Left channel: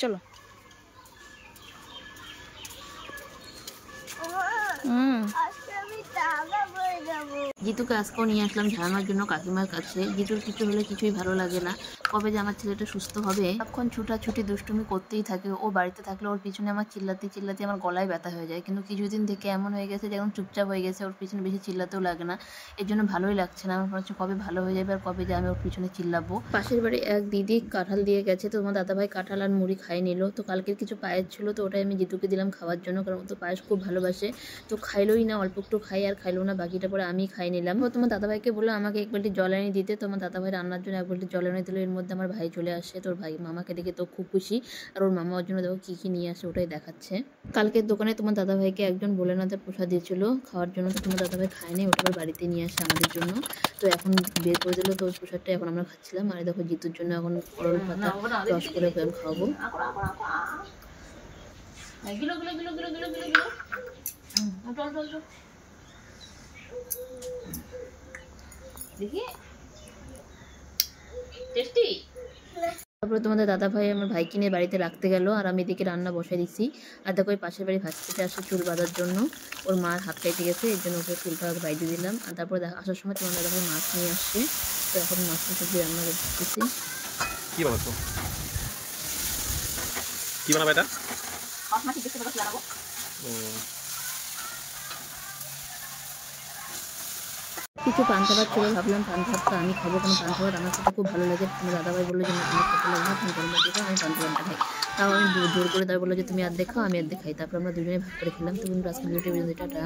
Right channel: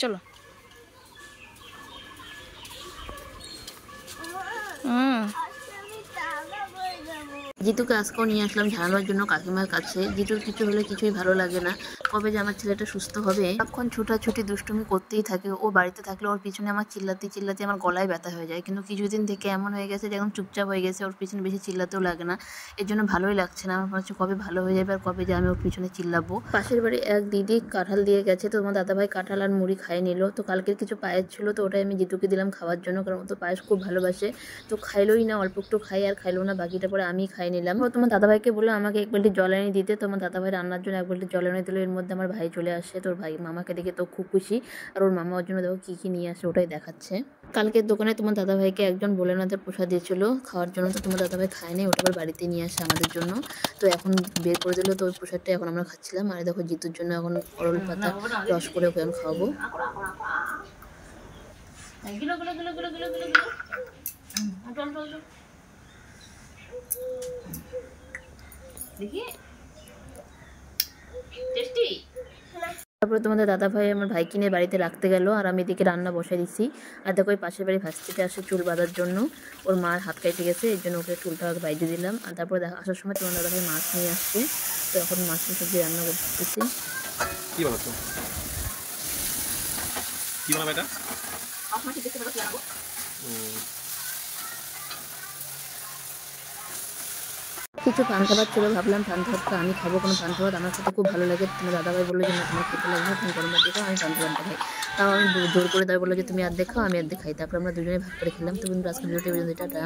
চলো। জিতুকে আজকেও নিয়ে আসলাম ঝাড়ানোর জন্য কাকিমার কাছে। জিতুর কিছু হলে কিছুই ভালো লাগে না, কবে যে আমার ছেলেটা সুস্থ হবে। এখন ছুটাছুটি দুষ্টুমি করতেই থাকে। ও বাড়িতে থাকলে ওর পিছনে আমার চিল্লাতে চিল্লাতে আমার গলায় ব্যথা হয়ে যায়, কিন্তু কিছুদিন থেকে এমন হয়ে গেছে যে এখন চুপচাপ হয়ে গেছে, ওর পিছনে বেশি চিল্লাতেও লাগে না। এর জন্য ভালোই লাগছে না। আমার মনে হচ্ছে কবে ভালো হয়ে যাবে আর কবে যে আমি ওর পিছনে চিল্লাবো। পাশের বাড়ি এক দিদি কাঁঠাল দিয়ে গেছে, তো তোমার দাদাভাই কাঁঠাল আর মুড়ি খাই নিল। তো কালকের কিছু পায়েস ছিল, তো ওটাই আমি জিতুকে দিলাম খাওয়ার জন্য, কারণ ও তো পায়েস খুব ভালোবাসে। তো খাইলোই না, অল্প একটু খাই আর খাইলো না, বাকিটা পরে আমি খাই নিলাম। তো তোমার দাদাভাইকে বললো আমাকে এক বালতি জল এনে দিতে। তোমার দাদাভাই রান্নার জন্য এক বালতি জল এনে দিল। এর মধ্যে আমার ভাই চলে আসে। তোর ভাই মামাকে দেখে তো খুব খুশি, আর ওর মামা ওর জন্য দেখো কী কী নিয়ে আসে ওটাই দেখাচ্ছে। কালকের দোকানে তোমার দাদাভাইকে একজন ভোলেনাথের প্রসাদ দিয়েছিল খাওয়ার জন্য, তো তোমার দাদাভাই খায় না, ওটা আবার বাড়িতে নিয়ে আসে আমাদের জন্য। তো এখন বের করে দিল, তো ওই প্রসাদটা এখন আমরা খাচ্ছিলাম। আর দেখো জিতুর জন্য এখন অরল পাতা রস করে ওকে এখন খাওয়াবো। তারপরে তোমাদের দাদাভাই আমার ভাইকে নিয়ে বাড়িতে রাখতে গেল, আর আমি এদিকে রান্না বসাই দিচ্ছি। আর দেখো ওই পাশের বাড়ি ভাস্তিতে আসে চুল বাঁধার জন্য, ওর মার হাত কেটে গেছে, এর জন্য ওকে চুলটা বাইরে দিলাম। আর তারপরে আসার সময় তোমার দাদাভাই মাছ নিয়ে আসছে, তো এখন মাছ সবজি রান্না করতেছি। কি বানাচ্ছো? কি বানাবে এটা? কিছু পান্তা ভাত ছিল, ভাবলাম পান্তা ভাতটা আমি খাবো, কোনো পান্তা ভাত আমার খেতে খুব ভালো লাগে। তোমার দাদাভাই বললো যে না তোমার খেতে লাগবে, তুমি গরম ভাত খাও, আমি পান্তা ভাতটা খাই। তাও আমি জোর করে তাই বললো যে তুমি অর্ধেক খাও আমি অর্ধেক খাই। তারপর আমরা দুজনে ভাগ করে খেলাম। তো বন্ধুরা আজকের ভিডিওটি টাটা।